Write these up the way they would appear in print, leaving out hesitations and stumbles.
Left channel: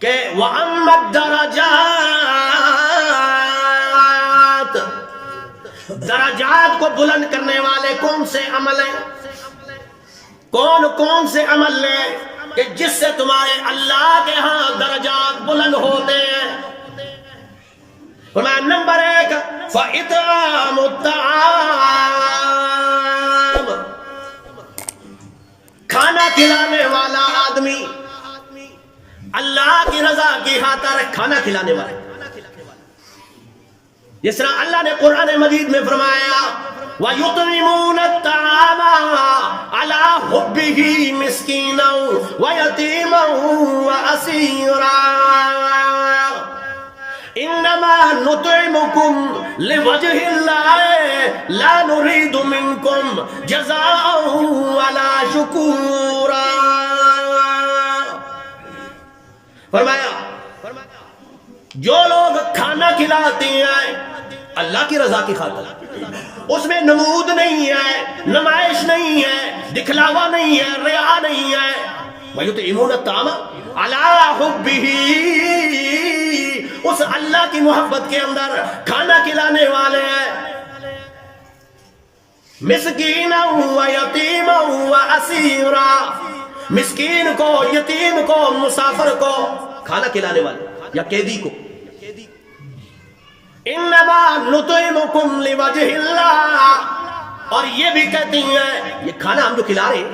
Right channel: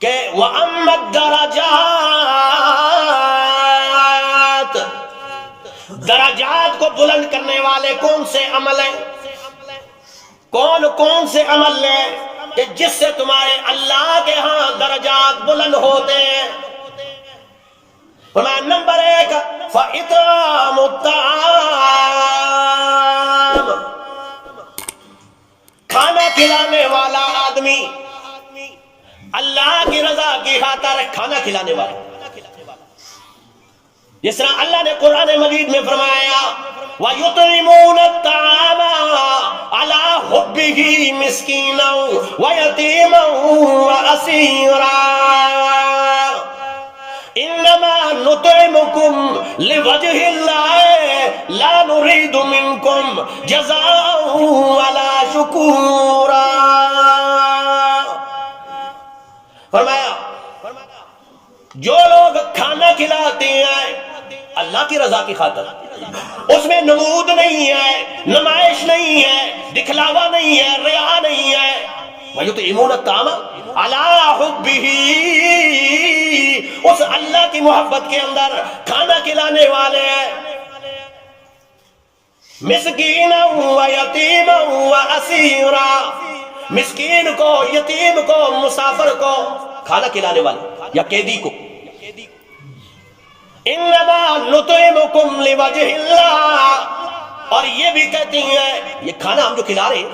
کہ وَأَمَّا الدَّرَجَاتِ، درجات کو بلند کرنے والے کون سے عمل ہیں، کون سے عمل ہیں کہ جس سے تمہارے اللہ کے ہاں درجات بلند ہوتے ہیں؟ فرمایا نمبر 1 فَإِطْعَامُ الطَّعَامِ، کھانا کھلانے والا آدمی، اللہ کی رضا کی خاطر کھانا کھلانے والا، جس طرح اللہ نے قرآن مجید میں فرمایا وَيُطْعِمُونَ الطَّعَامَ عَلَى حُبِّهِ مِسْكِينًا وَيَتِيمًا وَأَسِيرًا إِنَّمَا نُطْعِمُكُمْ لِوَجْهِ اللَّهِ لَا نُرِيدُ مِنْكُمْ جَزَاءً وَلَا شُكُورًا۔ فرمایا جو لوگ کھانا کھلاتے ہیں اللہ کی رضا کی خاطر، اس میں نمود نہیں ہے، نمائش نہیں ہے، دکھلاوا نہیں ہے، ریا نہیں ہے، وَيُطْعِمُونَ الطَّعَامَ عَلَى حُبِّهِ، اس اللہ کی محبت کے اندر کھانا کھلانے والے ہیں، مسکینا ویتیما واسیرا، مسکین کو، یتیم کو، مسافر کو کھانا کھلانے والے یا قیدی کو۔ انما نطعمکم لوجہ اللہ، اور یہ بھی کہتی ہیں یہ کھانا ہم جو کھلا رہے ہیں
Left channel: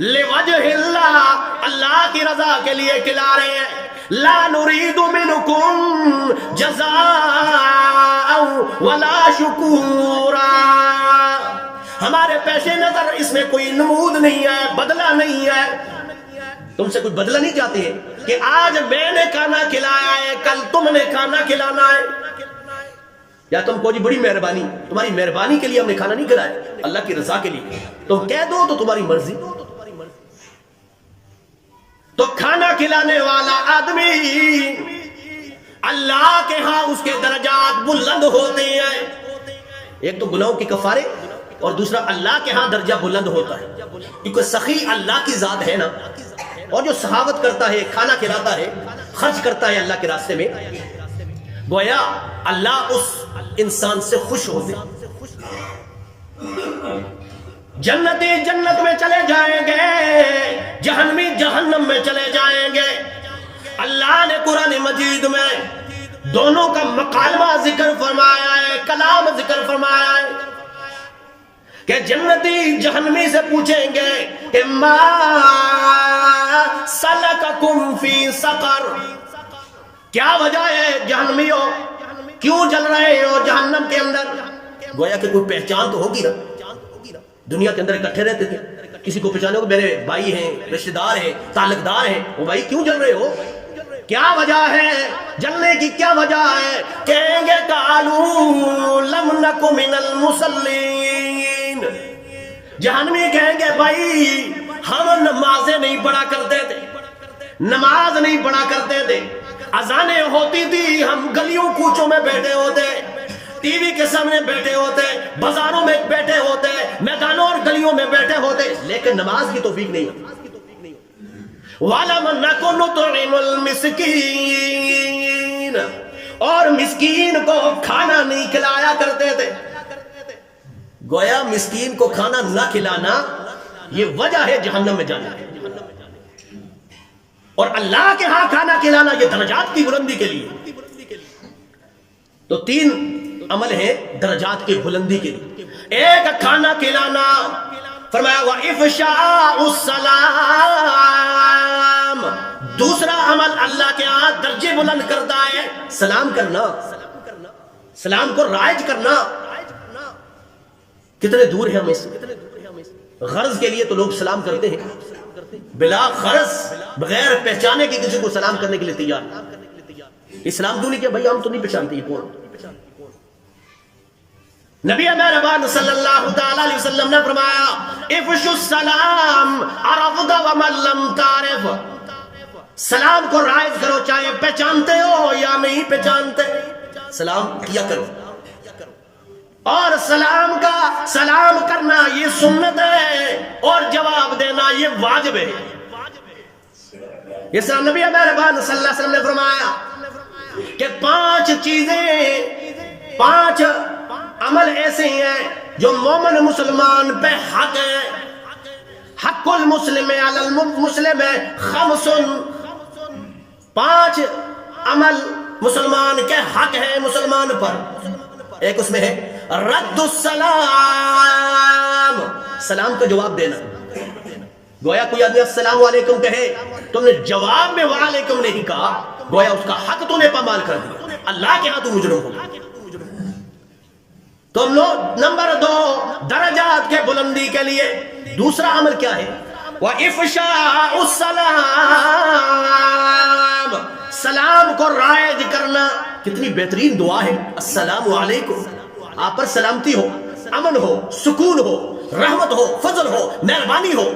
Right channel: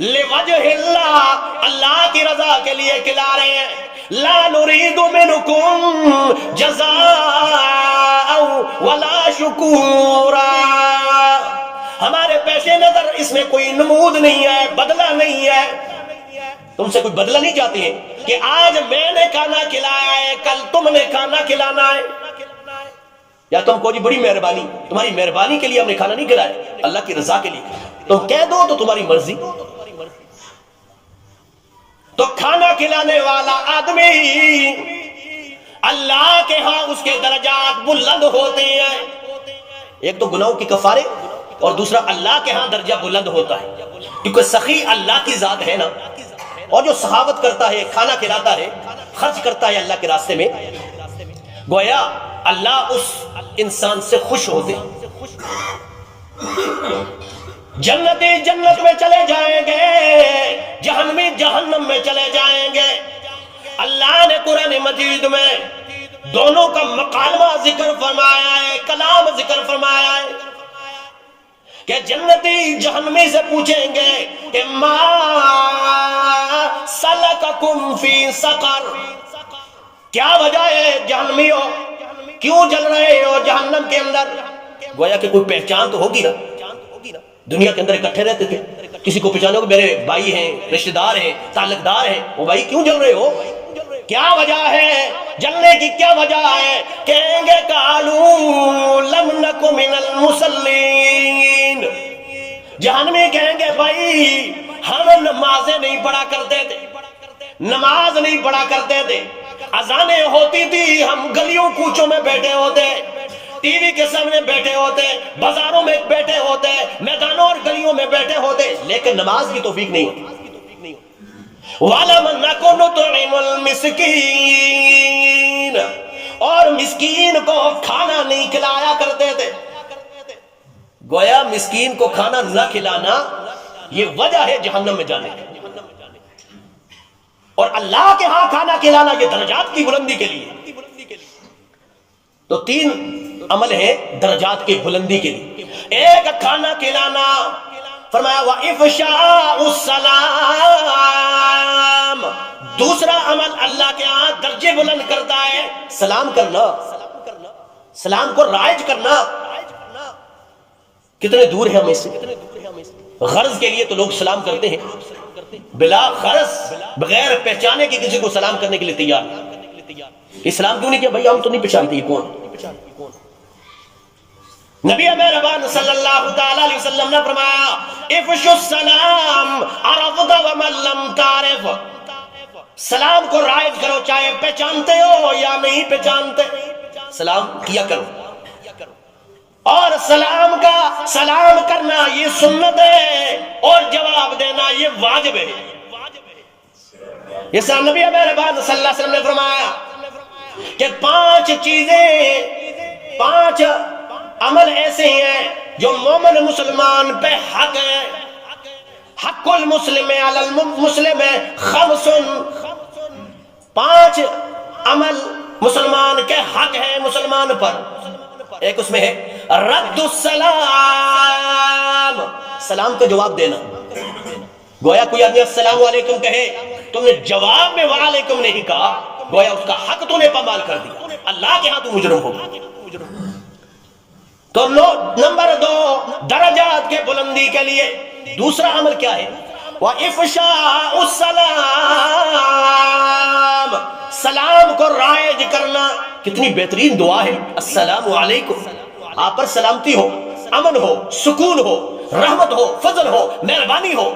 لوجہ اللہ، اللہ کی رضا کے لیے کھلا رہے ہیں، لا نرید منکم جزاء ولا شکورا، ہمارے پیش نظر اس میں کوئی نمود نہیں ہے، بدلہ نہیں ہے، تم سے کوئی بدلہ نہیں چاہتے ہیں کہ آج میں نے کھانا کھلایا ہے کل تم نے کھانا کھلانا ہے، یا تم کو جی بڑی مہربانی، تمہاری مہربانی کے لیے ہم نے کھانا نہیں کھلایا، اللہ کی رضا کے لیے تم کہہ دو تو تمہاری مرضی۔ تو کھانا کھلانے والا آدمی اللہ کے ہاں اس کے درجات بلند ہوتے ہیں، ایک تو گناہوں کے کفارے اور دوسرا اللہ کے ہاں درجہ بلند ہوتا ہے، کیونکہ سخی اللہ کی ذات ہے نا، اور جو سخاوت کرتا ہے، کھانا کھلاتا ہے، خرچ کرتا ہے اللہ کے راستے میں، گویا اللہ اس انسان سے خوش ہوتے ہیں۔ جنتی جنت میں چلے جائیں گے، جہنمی جہنم میں چلے جائیں گے۔ اللہ نے قرآن مجید میں دونوں کا مکالمہ ذکر فرمایا ہے، کلام ذکر فرمایا ہے کہ جنتی جہنمی سے پوچھیں گے کہ ما سلککم فی سقر، کیا وجہ ہے جہنمیوں کیوں جل رہے ہو جہنم کے اندر؟ گویا کہ کوئی پہچان تو ہوگی نا، دنیا کے اندر اکٹھے رہتے تھے، کسی کو پہچانو کہ میرے بھائی ہیں، رشتہ دار ہیں، تعلق دار ہیں، وہ بھائی کیوں جل رہے ہو، کیا وجہ ہے جلنے کی، کیا وجہ ہے؟ کہیں گے قالوا لم نک من المصلین، جہنمی کہیں گے بھائی ہم نمازیں نہیں پڑھا کرتے تھے، نماز نہیں پڑھا کرتے تھے، اذانیں ہوتی تھی ہم گلیوں کوچوں میں بیٹھے ہوتے، ٹی وی کے سامنے بیٹھے ہوتے، بازاروں میں بیٹھے ہوتے، میدانوں اور گلیوں میں بیٹھے ہوتے، لیکن نماز کی توفیق نہیں ہوتی۔ وَلَمْ نَكُ نُطْعِمُ الْمِسْكِينَ، اور مسکین کو کھانا نہیں کھلایا کرتے تھے۔ گویا مسکین کو کھانا نہ کھلانا یہ وجہ ہے جہنم میں جانے کی، اور اللہ کے ہاں کھانا کھلانا یہ درجات کی بلندی کے لیے۔ تو 3 عمل ہے درجات کی بلندی کے لیے، ایک کھانا کھلانا، فرمایا وَإِفْشَاءُ السَّلَامِ، دوسرا عمل اللہ کے ہاں درجے بلند کرتا ہے سلام کرنا، سلام کو رائج کرنا۔ کتنے دور ہے ہمیں سے، غرض کے لیے تو لوگ سلام کرتے ہیں، بلا غرض بغیر پہچانے کی کسی کو سلام کرنے کے لیے تیار، اسلام کیوں نہیں کیا بھائی ہم تو نہیں پہچانتے یہ کون۔ نبی مہربان صلی اللہ تعالی علیہ وسلم نے فرمایا افشوا السلام عرفت ومن لم تعرف، سلام کو رائج کرو چاہے پہچانتے ہو یا نہیں پہچانتے، سلام کیا کرو، اور سلام کرنا یہ سنت ہے اور جواب دینا یہ واجب ہے۔ اس طرح نبی مہربان صلی اللہ علیہ وسلم نے فرمایا کہ 5 چیزیں، 5 عمل ایسے ہیں جو مومن مسلمان پہ حق ہیں. حق المسلم علی المسلم 5، 5 عمل مسلمان کے حق ہے مسلمان پر. ایک اس میں ہے رد السلام، سلام کا جواب دینا. گویا کوئی آدمی السلام علیکم کہے، تم نے جواب میں وعلیکم نہیں کہا، گویا اس کا حق تم نے پامال کر دیا، اللہ کے ہاں تو مجرم ہوگا. تو نمبر 2 درجات کے بلندی کے لیے دوسرا عمل کیا ہے؟ وَإِفْشَاءُ السَّلَامِ، سلام کو رائج کرنا. کتنی بہترین دعا ہے السلام علیکم. آپ پر سلامتی ہو، امن ہو، سکون ہو، رحمت ہو، فضل ہو، مہربانی ہو.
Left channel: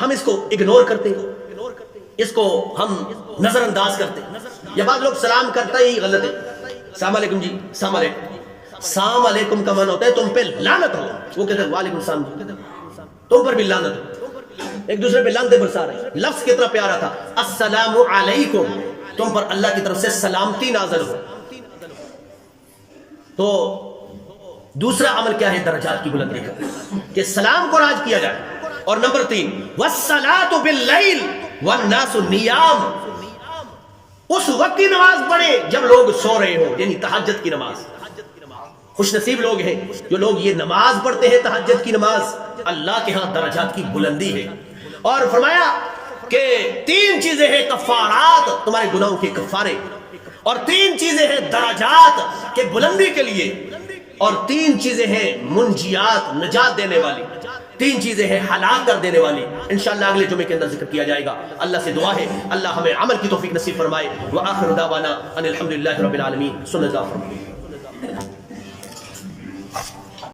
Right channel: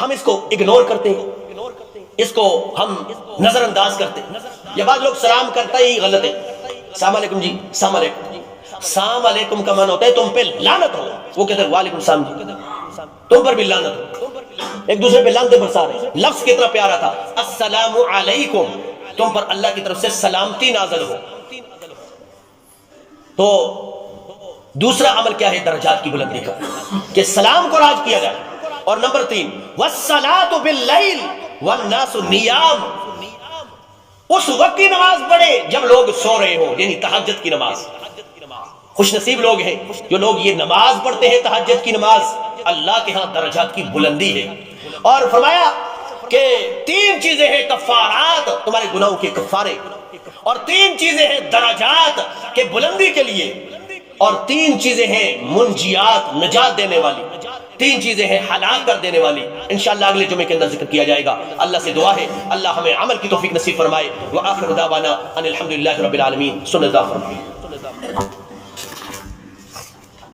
ہم اس کو اگنور کرتے ہیں، اس کو ہم نظر انداز کرتے ہیں. یہ بعض لوگ سلام کرتا ہی غلط ہے. السلام علیکم جی، السلام علیکم. السلام علیکم کا معنی ہوتا ہے تم پہ لعنت ہو. وہ کہتے ہیں وعلیکم السلام جی، تم پر بھی لعنت ہو. ایک دوسرے پہ لعنتیں برسا رہے ہیں. لفظ کتنا پیارا تھا، السلام علیکم، تم پر اللہ کی طرف سے سلامتی نازل ہو. تو دوسرا عمل کیا ہے درجات کی بلندی کا، کہ سلام کو راج کیا جائے. اور نمبر 3 والصلاۃ باللیل والناس نیام، اس وقت کی نماز پڑھے جب لوگ سو رہے ہو، یعنی تہجد کی نماز. خوش نصیب لوگ ہیں جو لوگ یہ نماز پڑھتے ہیں تہجد کی نماز. اللہ کے ہاں درجات کی بلندی ہے. اور فرمایا کہ 3 چیزیں ہیں کفارات، تمہارے گناہوں کے کفارے، اور 3 چیزیں ہیں درجات کے بلندی کے لیے، اور 3 چیزیں ہیں منجیات، نجات دینے والی. 3 چیزیں ہیں ہلاک کر دینے والی. انشاءاللہ اگلے جمعے کے اندر ذکر کیا جائے گا. اللہ سے دعا ہے اللہ ہمیں عمل کی توفیق نصیب فرمائے. وآخر دعوانا ان الحمدللہ رب العالمین. سن اللہ فرمائے.